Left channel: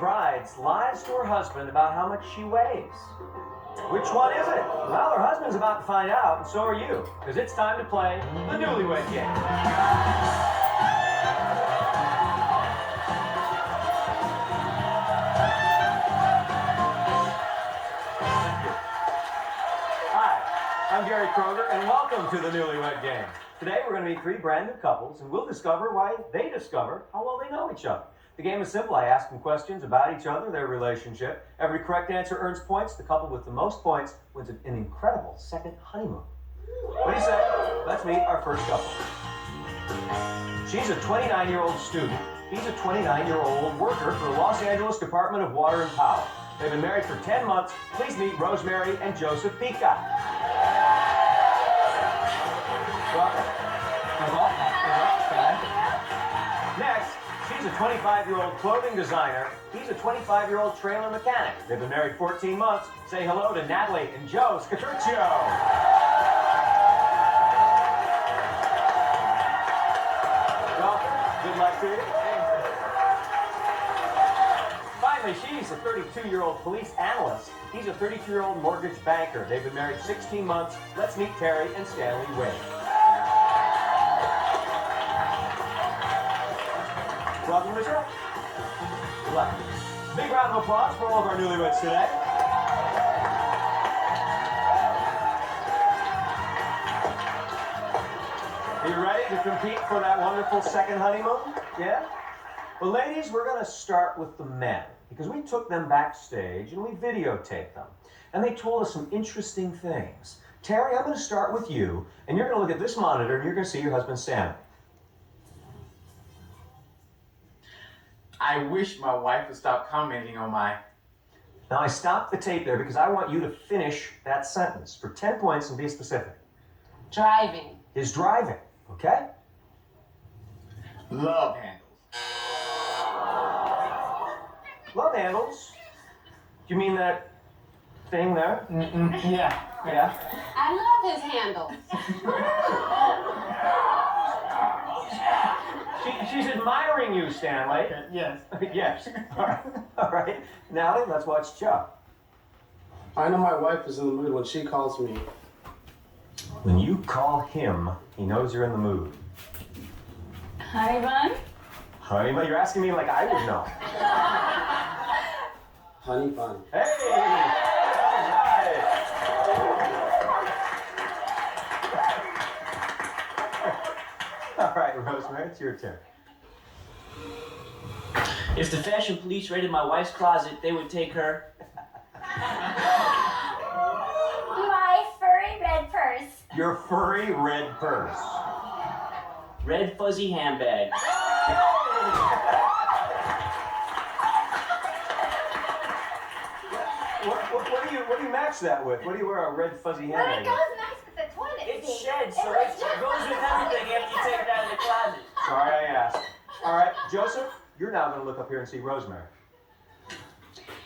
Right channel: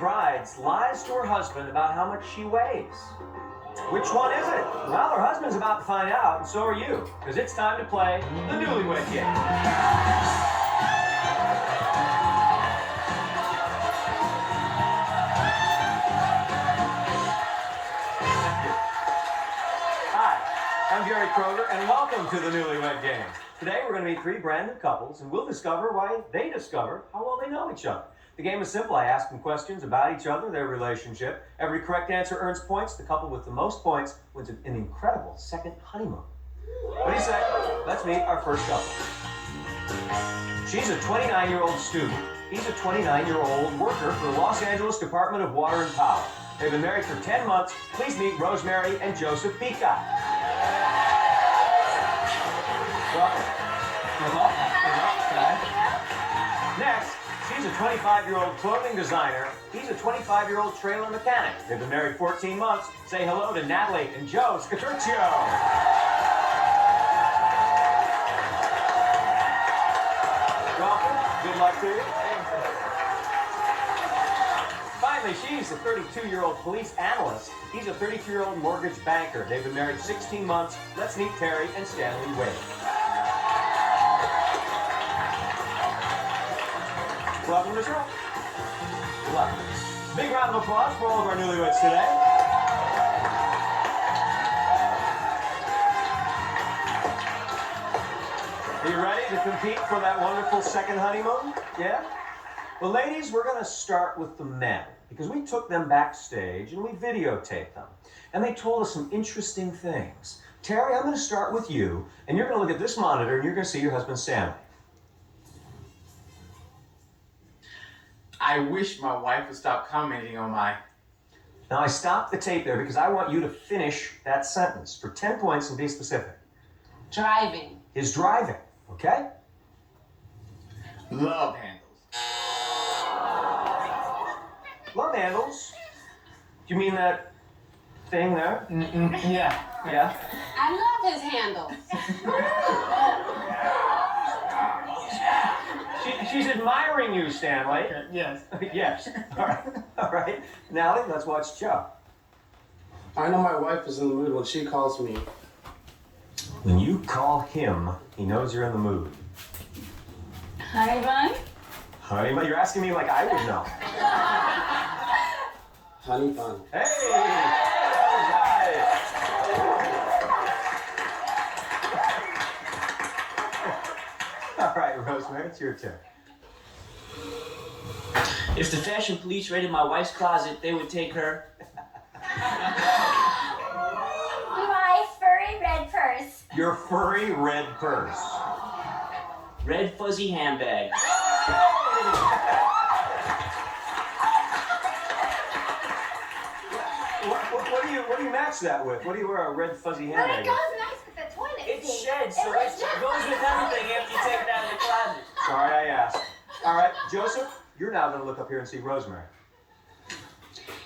bride lies to her husband about how much she weighs? Which one is it? Well, her husband's about to find out, and so are you, because it's time to play the Newlywed Game. Hi, I'm Gary Kroger, and welcome to the Newlywed Game. Today, we're going to meet three brand new couples, and we'll discover why they discover how well they know each other. The game is simple. I ask them questions about each other, their relationship. Every correct answer earns points. The couple with the most points wins an incredible second honeymoon. What do you say? Let's meet our first couple. She's a 29-year-old student. He's a 29-year-old worker for the Los Angeles Department of Water and Power. They've been married for 10 months. Please meet Rosemary and Joseph Pica. Next, she's a 25-year-old clothing designer. He's a 25-year-old trailer mechanic. They've been married 14 months. Say hello to Natalie and Joe Scaturcio. Welcome. Good luck to you. Finally, she's a 32-year-old police analyst. He's a 32-year-old mortgage banker. They've been married 16 months. Let's meet Terry and Stanley Wade. Welcome to the show. Good luck. Big round of applause for all of our newlyweds today. Are you ready to compete for that wonderful second honeymoon? Yeah? Well, ladies, we're going to start with the men because we took them backstage and we videotaped them. And they told us some interesting things. Terry, I'm going to start with you, and you're going to look at this monitor and you're going to see your husband Stanley. I wish my wife would stop commenting on my... Now, I stopped the tape there because I want you to finish that sentence for 10 points and be specific. Driving. His driving, okay? Love handles. Love handles? You mean that thing there? Yeah. Yeah? I love his handles. She's admiring you, Stanley. Yes. Yes. All right. All right. Now let's watch Joe. I know my wife is in the mood when she calls me. When you call him, he knows you're in the mood. Honey bun? Honey, but you're asking me like I would know. Honey bun. Hey! All right. All right, Rosemary, it's your turn. If the fashion police raided my wife's closet, they would take her. My furry red purse. Your furry red purse. Red fuzzy handbag. What do you match that with? What do you wear a red fuzzy But handbag it with? goes nice with the toilet It's seat. shed, so it goes with everything after you take it out of the closet. Sorry I asked. All right, Joseph, you're now going to look up here and see Rosemary.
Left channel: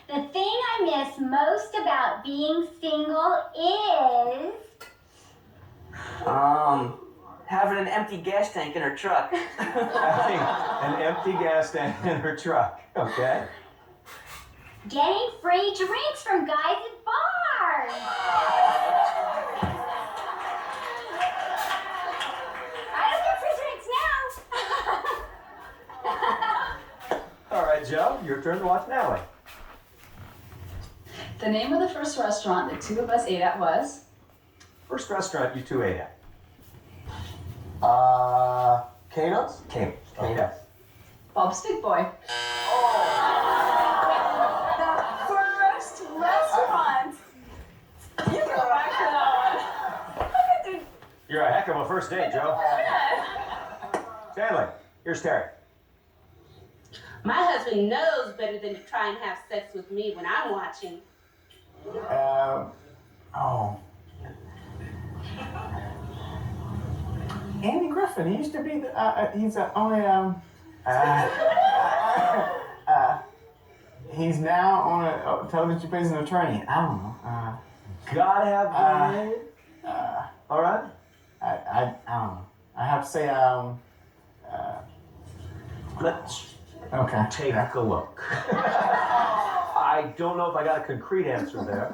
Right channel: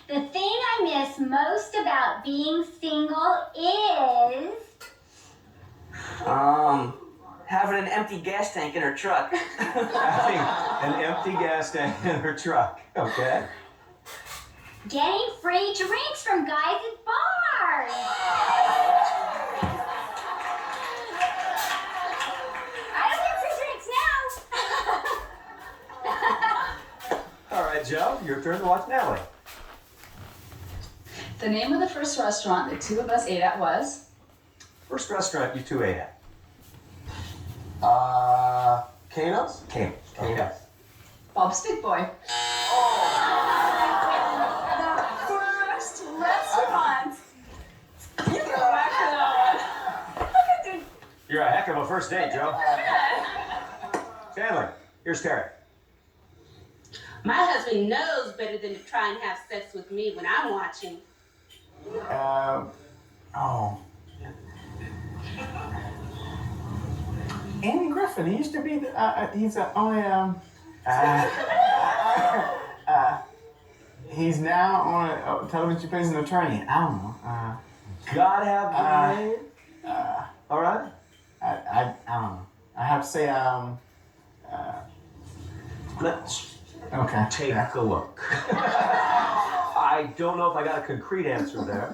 The thing I miss most about being single is... Having an empty gas tank in her truck. Having an empty gas tank in her truck, okay? getting free drinks from guys at bars. I don't get free drinks now. All right, Joe, your turn to watch Natalie. The name of the first restaurant the two of us ate at was? First restaurant you two ate at? Kano's? Kane. Okay. Bob's Big Boy. The first restaurant. You go back to that. You're a heck of a first date, Joe. Stanley, here's Terry. My husband knows better than to try and have sex with me when I'm watching. Andy Griffin, he used to be the, he's only, he's now on television, plays an attorney. I don't know. Gotta have the name. All right. I don't know. I have to say, Let's okay. take a look. I don't know if I got a concrete answer there.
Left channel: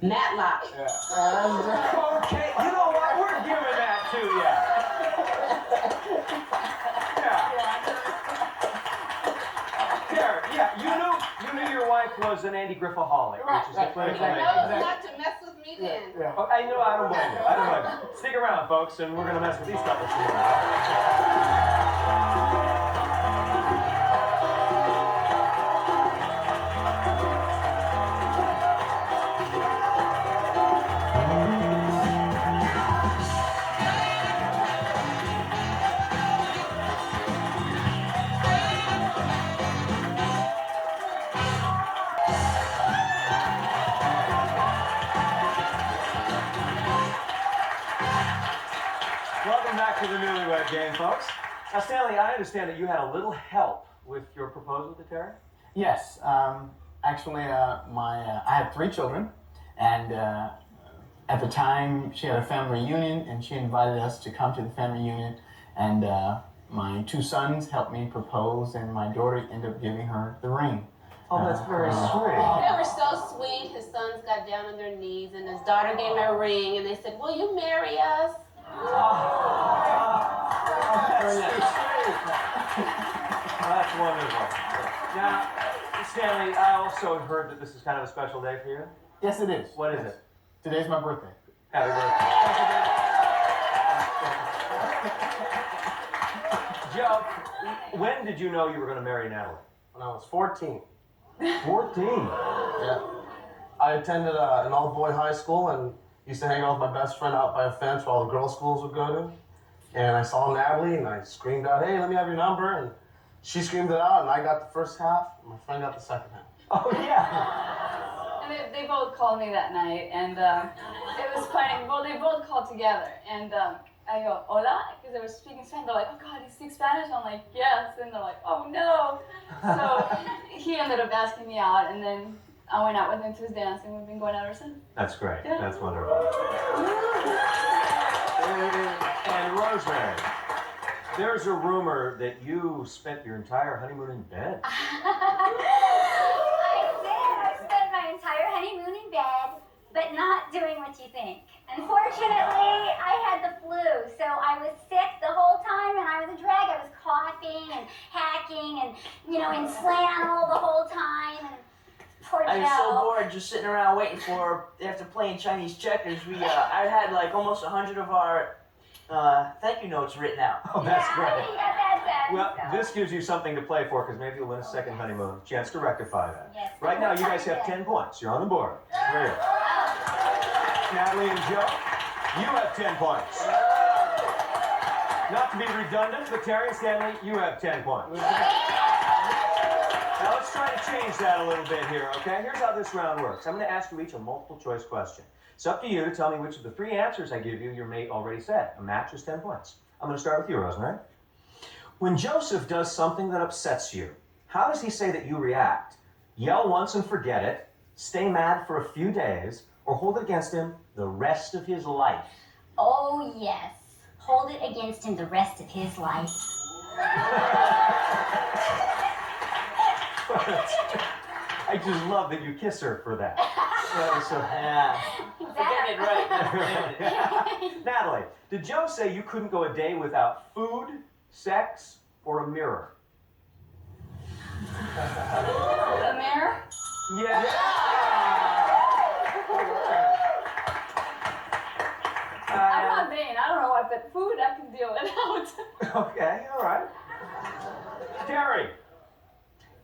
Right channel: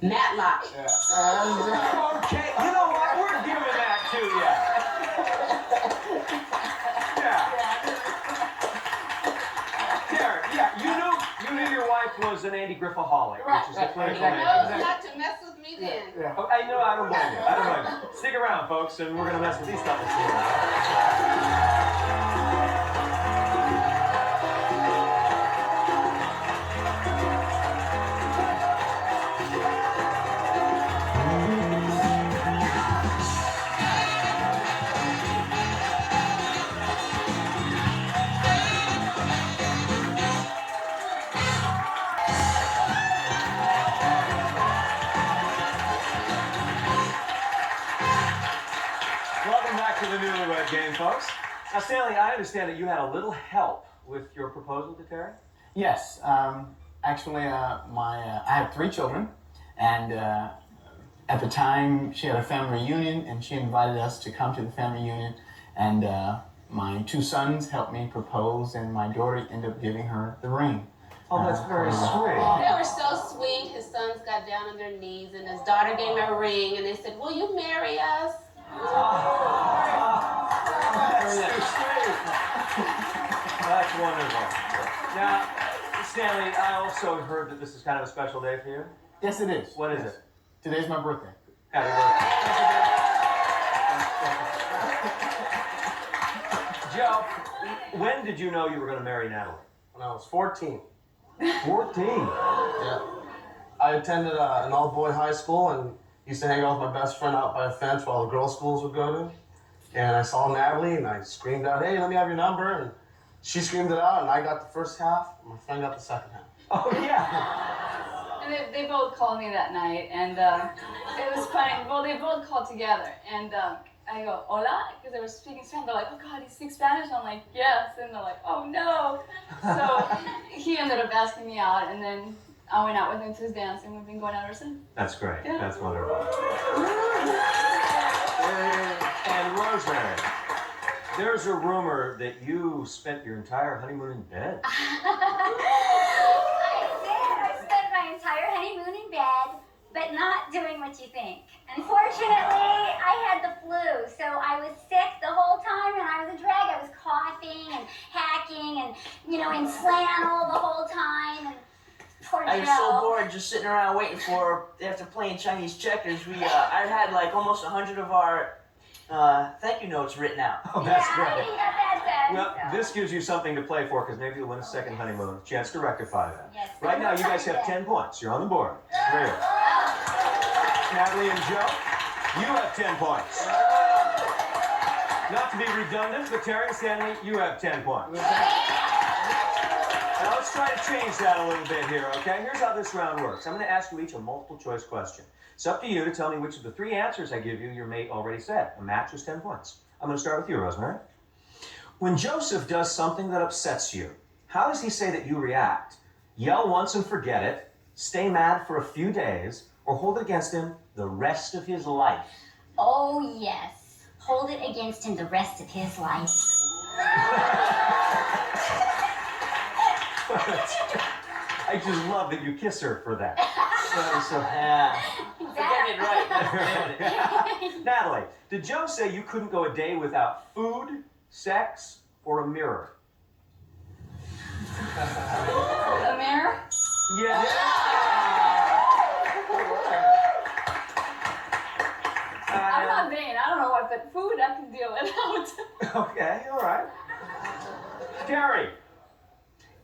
Matlock. Okay, you know what? We're giving that to you. Yeah. There, yeah, you knew your wife was an Andy Griffithaholic, which is a clinical name. No, not to mess with me then. Oh, I know, I don't blame you. I don't blame you. Stick around, folks, and we're gonna mess with these couples here. Welcome back to the Newlywed Game, folks. Now, Stanley, I understand that you had a little help with your proposal to Terry? Yes. Actually, I have 3 children, and at the time she had a family reunion, and she invited us to come to the family reunion, and my 2 sons helped me propose, and my daughter ended up giving her the ring. Oh, that's very sweet. They were so sweet. His sons got down on their knees, and his daughter gave him a ring, and they said, "Will you marry us?" That's wonderful. Now, Stanley, I also heard that this is kind of a special day for you. Yes, it is. What is it? Today's my birthday. Happy birthday. Joe, when did you know you were going to marry Natalie? When I was 14. 14. Yeah. I attended an all-boy high school and used to hang out with my best friend out by a fence where all the girls' schools would go to. And I saw Natalie and I screamed out, "Hey, let me have your number." And she screamed it out and I got the first half and my friend got the second half. Oh, yeah. And they both called me that night, and it was funny. Well, they both called together, and I go, "Hola," because they were speaking Spanish. They're like, "Oh God, you speak Spanish?" I'm like, "Yes," and they're like, "Oh no." So he ended up asking me out, and then I went out with him to his dance, and we've been going out ever since. That's great. Yeah. That's wonderful. And Rosemary, there's a rumor that you spent your entire honeymoon in bed. I did. I spent my entire honeymoon in bed, but not doing what you think. Unfortunately, I had the flu, so I was sick the whole time, and I was a drag. I was coughing and hacking and, in flannel the whole time. And poor I was so Joe. bored just sitting around waiting for, after playing Chinese checkers, I had like almost 100 of our thank you notes written out. Oh, that's Yeah, great. I got that done. Well, so. this gives you something to play for because maybe you'll win a second honeymoon. Chance to rectify that. Yes, Right now, you guys have yes. 10 points. You're on the board. Real. Natalie and Joe, you have 10 points. Not to be redundant, but Terry and Stanley, you have 10 points. Now let's try to change that a little bit here, okay? Here's how this round works. I'm going to ask you each a multiple choice question. It's up to you to tell me which of the 3 answers I give you your mate already said. A match is 10 points. I'm going to start with you, Rosemary. When Joseph does something that upsets you, how does he say that you react? Yell once and forget it, stay mad for a few days, or hold it against him the rest of his life? Oh, yes. Hold it against him the rest of his life. I just love that you kiss her for that. That was so... Yeah. Getting it right. Natalie, did Joe say you couldn't go a day without food, sex, or a mirror? A mirror? Yeah. I'm not vain. I don't know what, but food I can deal without. Okay, all right. Terry,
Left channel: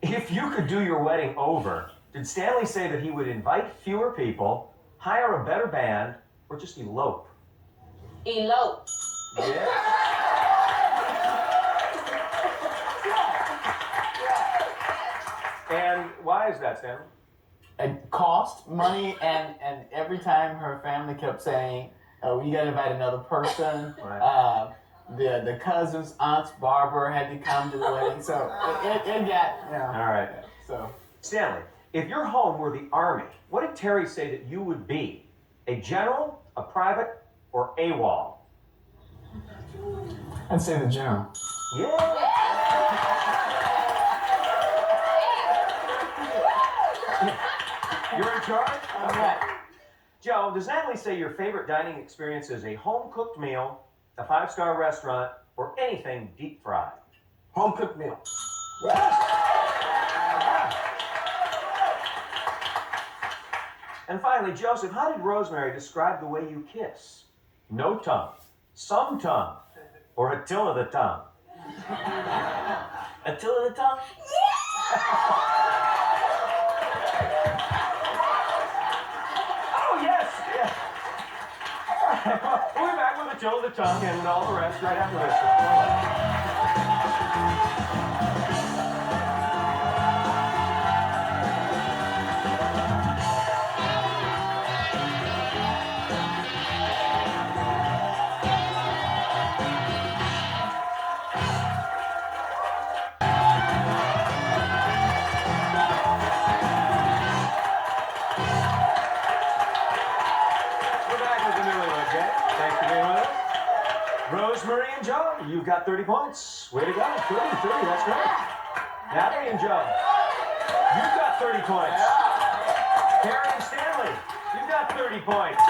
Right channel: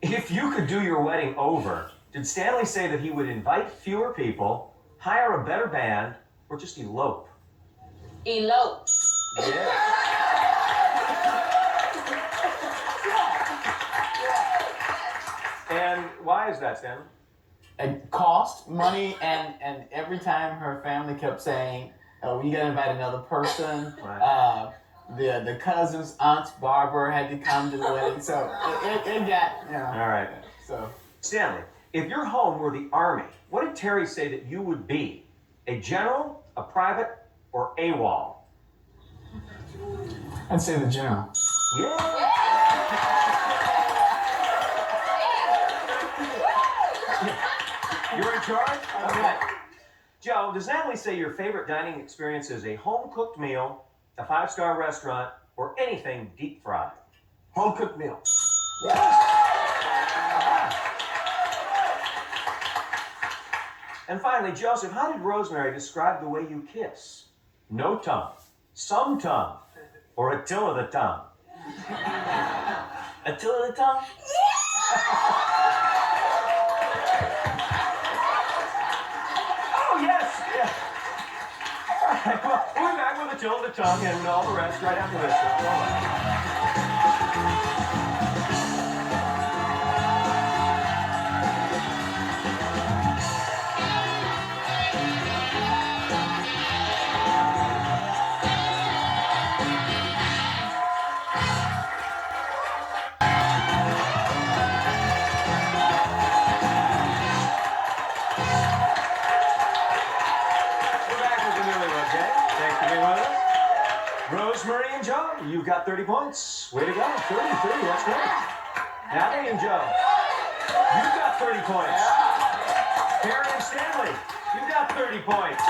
if you could do your wedding over, did Stanley say that he would invite fewer people, hire a better band, or just elope? Elope. Yeah. And why is that, Stanley? It cost money, and every time her family kept saying, "Oh, you gotta invite another person." Right. The cousins, aunts, Barbara had to come to the wedding, so it got, All right. So Stanley, if your home were the Army, what did Terry say that you would be? A general, a private, or AWOL? I'd say the general. Yeah. You're in charge? Okay. Joe, does Natalie say your favorite dining experience is a home-cooked meal, a five-star restaurant, or anything deep fried? Home-cooked meal. And finally, Joseph, how did Rosemary describe the way you kiss? No tongue, some tongue, or a till of the tongue? A till of the tongue? Oh, yes, yes. All right, well, we'll be back with a till of the tongue and all the rest right after this. Rosemary and Joe, you've got 30 points. Way to go. 30, that's great. Natalie and Joe, you've got 30 points. Karen and Stanley, you've got 30 points.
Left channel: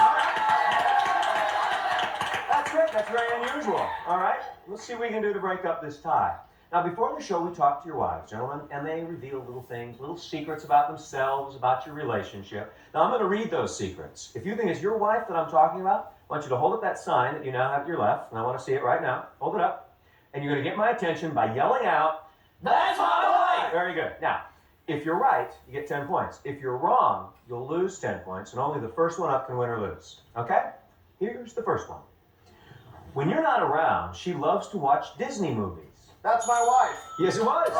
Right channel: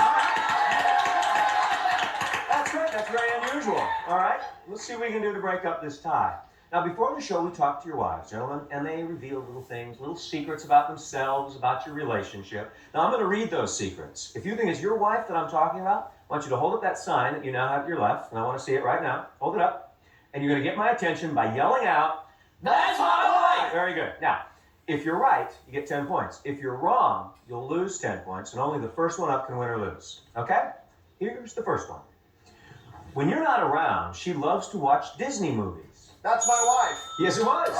That's great. That's very unusual. All right, let's see what we can do to break up this tie. Now, before the show, we talked to your wives, gentlemen, and they reveal little things, little secrets about themselves, about your relationship. Now, I'm going to read those secrets. If you think it's your wife that I'm talking about, I want you to hold up that sign that you now have at your left, and I want to see it right now. Hold it up. And you're going to get my attention by yelling out, "That's my wife!" Very good. Now, if you're right, you get 10 points. If you're wrong, you'll lose 10 points, and only the first one up can win or lose. Okay? Here's the first one. When you're not around, she loves to watch Disney movies. That's my wife. Yes, it was.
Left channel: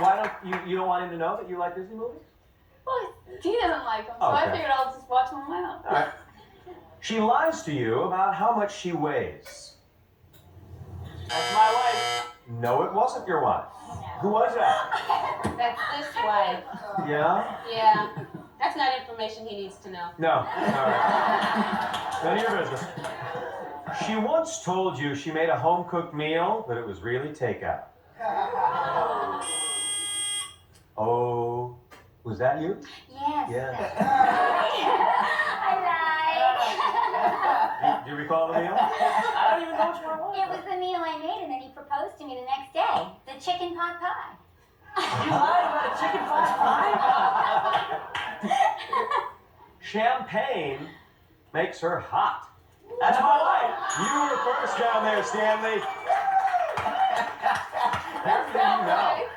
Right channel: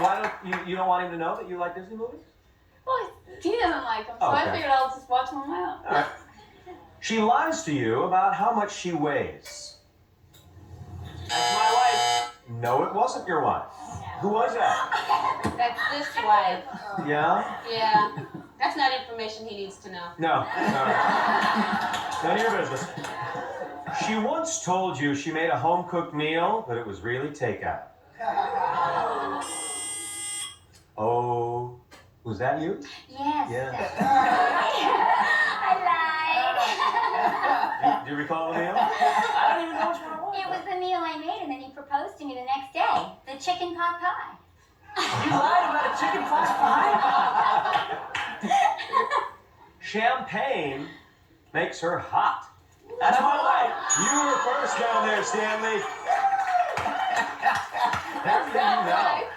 Why don't you don't want him to know that you like Disney movies? Well, he doesn't like them, so I Okay. figured I'll just watch them on my own. All right. She lies to you about how much she weighs. That's my wife. No, it wasn't your wife. Who was that? That's this wife. Yeah? Yeah. That's not information he needs to know. No. All right. None of your business. She once told you she made a home-cooked meal, but it was really takeout. Oh, was that you? Yes. Yes. I lied. Do you recall the meal? I don't even know which one it was. It was the meal I made, and then he proposed to me the next day. The chicken pot pie. You lied about a chicken pot pie? Champagne makes her hot. That's my wife. You were first down there, Stanley. How do you know?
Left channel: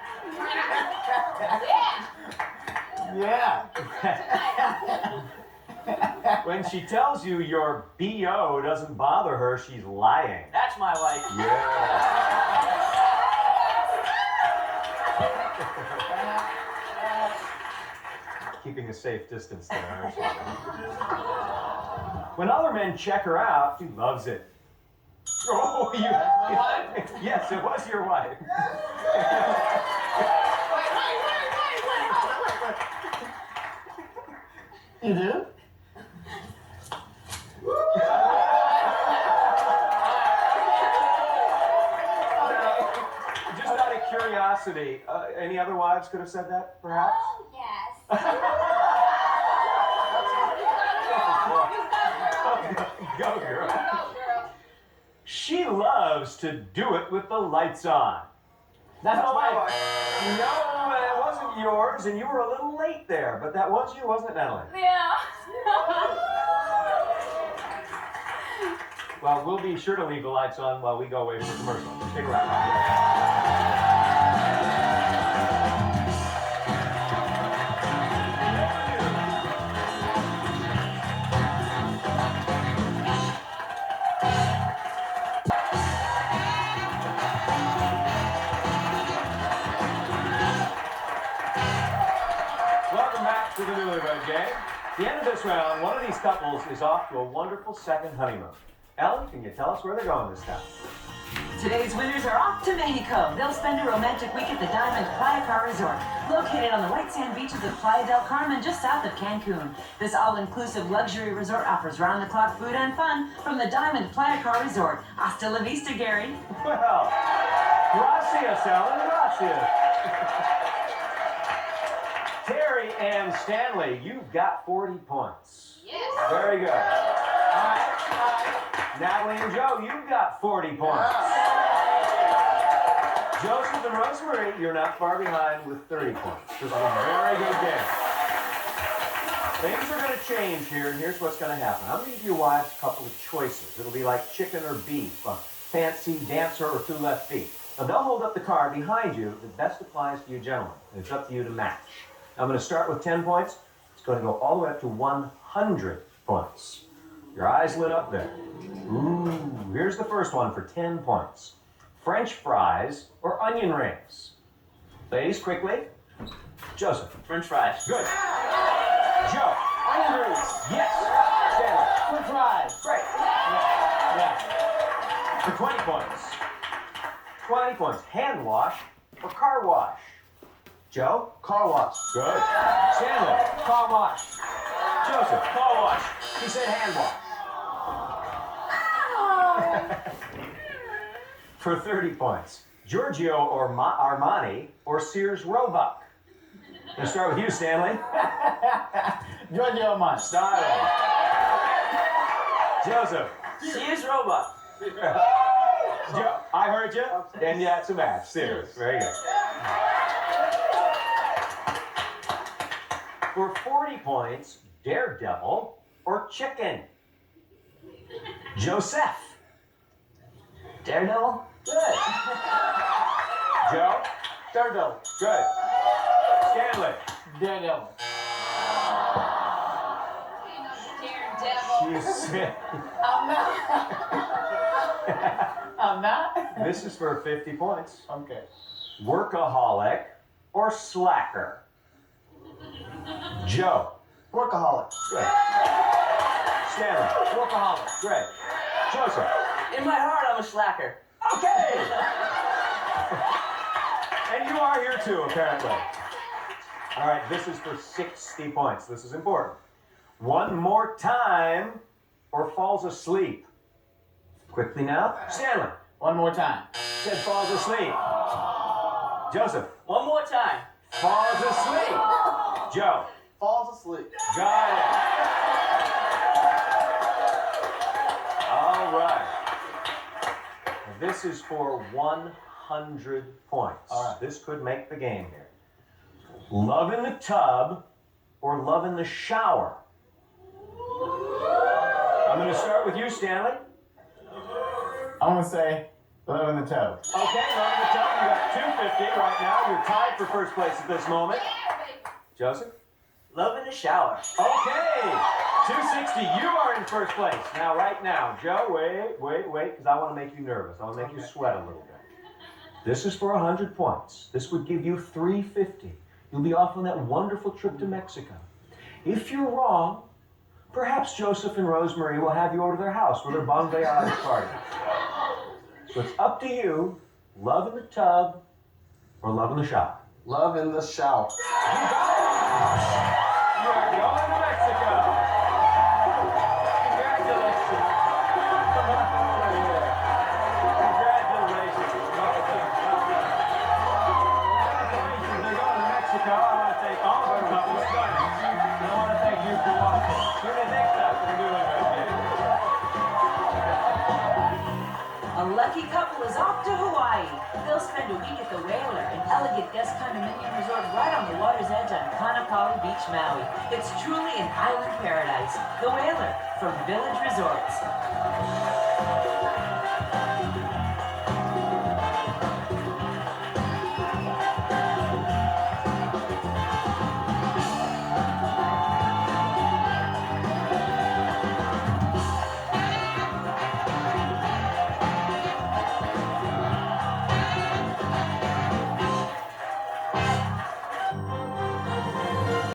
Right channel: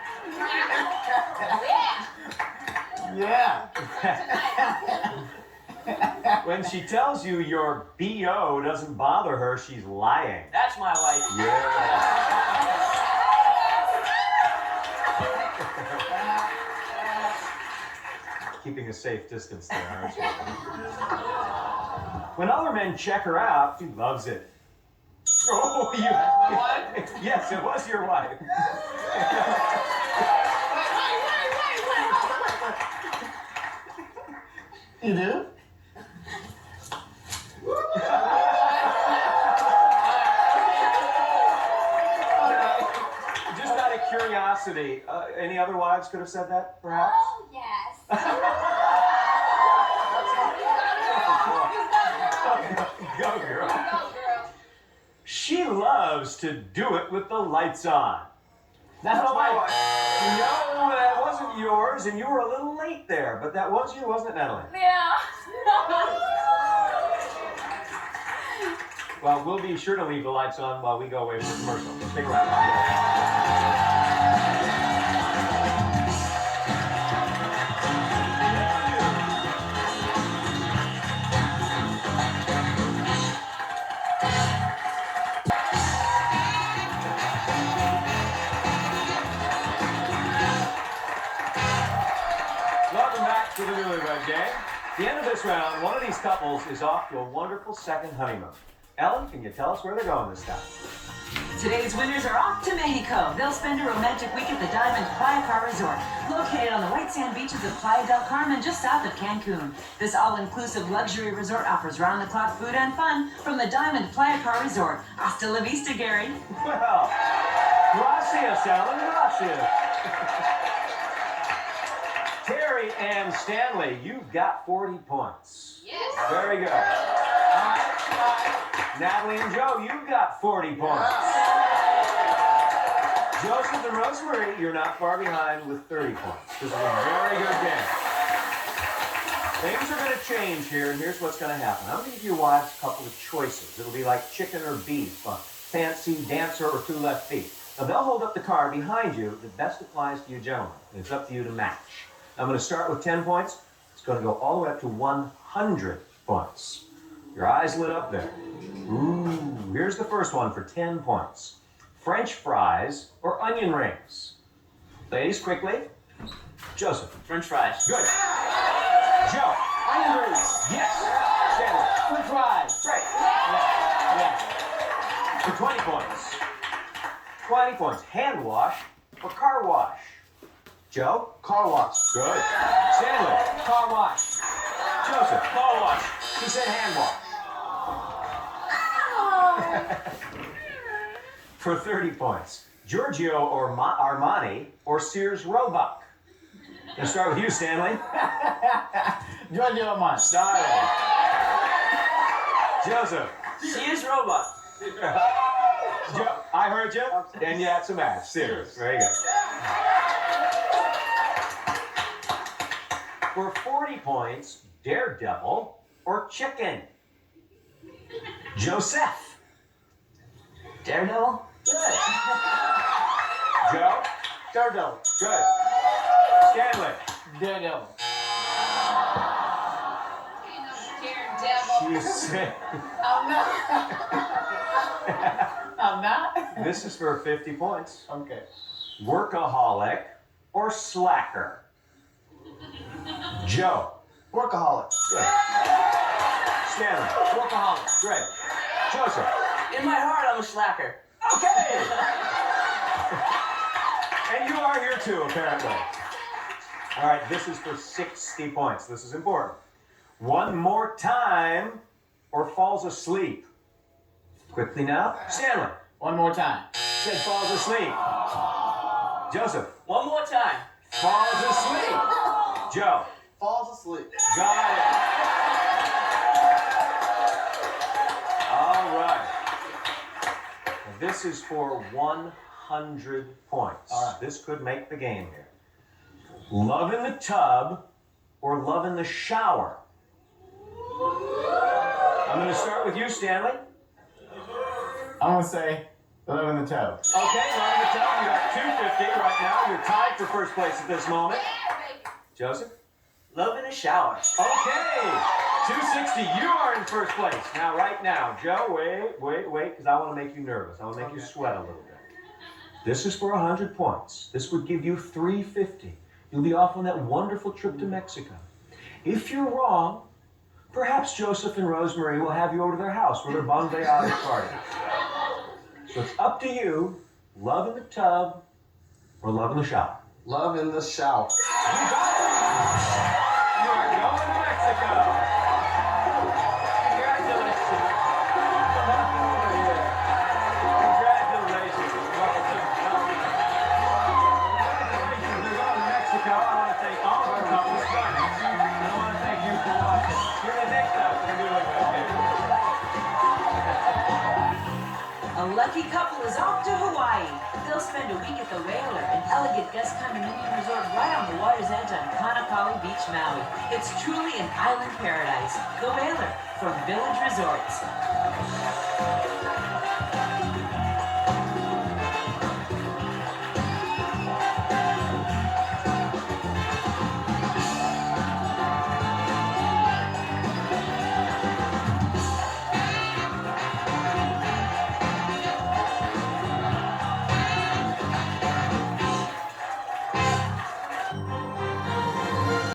Yeah. When she tells you your BO doesn't bother her, she's lying. That's my wife. Yeah. Keeping a safe distance there, aren't you? When other men check her out, she loves it. Oh, you. My wife? Yes, it was your wife. You do? Just out of curiosity, any other wives could have said that, perhaps? Oh, yes. Go, girl. She loves to do it with the lights on. That's my wife. No, that wasn't yours, and you were a little late there, but that was you, wasn't it, Natalie? Yeah. Well, we'll be sure to leave the lights on while we go away for commercial. Stick around. Welcome back to the Newlywed Game. At the end of this round, one of these couples is off to a wonderful second honeymoon. Ellen, can you tell us where they're going this time? Today's winners are off to Mexico. They'll spend a romantic week at the Diamond Playa Car Resort, located on the white sand beaches of Playa del Carmen, just south of Cancun. This all-inclusive luxury resort offers round-the-clock food and fun from the Diamond Playa Car Resort. Hasta la vista, Gary. Well, gracias, Ellen, gracias. Terry and Stanley, you've got 40 points. Yes. Very good. Natalie and Joe, you've got 40 points. Joseph and Rosemary, you're not far behind with 30 points. This is a very good game. Things are going to change here, and here's what's going to happen. I'm going to give you a couple of choices. It'll be like chicken or beef, fancy dancer or two left feet. Now, they'll hold up the card behind you that best applies to you gentlemen. And it's up to you to match. I'm going to start with 10 points. It's going to go all the way up to 100 points. Your eyes lit up there. Ooh, here's the first one for 10 points. French fries or onion rings? Ladies, quickly. Joseph. French fries. Good. Joe. Onion rings. Yes. Stanley. French fries. Great. Yeah. For 20 points. 20 points. Hand wash or car wash? Joe? Car wash. Good. Stanley. Car wash. Joseph. Car wash. He said hand wash. For 30 points. Giorgio or Armani or Sears Roebuck? Let's start with you, Stanley. Giorgio Armani. Starting. Joseph. Sears Roebuck. Joe, I heard you, and you had some match. Sears. Very good. For 40 points, Daredevil or chicken? Joseph. Daredevil. Good. Joe? Daredevil. Good. Stanley. Daredevil. You said. I'm not. This is for 50 points. Okay. Workaholic or slacker? Joe. Workaholic. Good. Stanley. Workaholic. Great. Joseph. In my heart, I'm a slacker. Okay. And you are here too, apparently. All right, this is for 60 points. This is important. One more time or falls asleep? Quickly now. Stanley. One more time. Said falls asleep. Joseph. One more time. Falls asleep. Joe. Falls asleep. Got it. All right. Now this is for 100 points. All right. This could make the game here. Love in the tub or love in the shower? I'm going to start with you, Stanley. I'm gonna say love in the tub. Okay, love in the tub. You got 250 right now. You're tied for first place at this moment. Joseph? Love in the shower. Okay, 260. You are in first place. Now, right now, Joe, wait, because I want to make you nervous. I want to make you sweat a little bit. This is for 100 points. This would give you 350. You'll be off on that wonderful trip to Mexico. If you're wrong, perhaps Joseph and Rosemary will have you over to their house for their bon voyage party. So it's up to you. Love in the tub or love in the shower? Love in the shower. You got it. You are going to Mexico. Congratulations. Congratulations. Congratulations. They're going to Mexico. I want to thank all of our couples. And I want to thank you for watching. Tune in next time for Newlywed Game. A lucky couple is off to Hawaii. They'll spend a week at the Whaler, an elegant guest condominium resort right on the water's edge on Kanakali Beach, Maui. It's truly an island paradise. The Whaler from Village Resorts.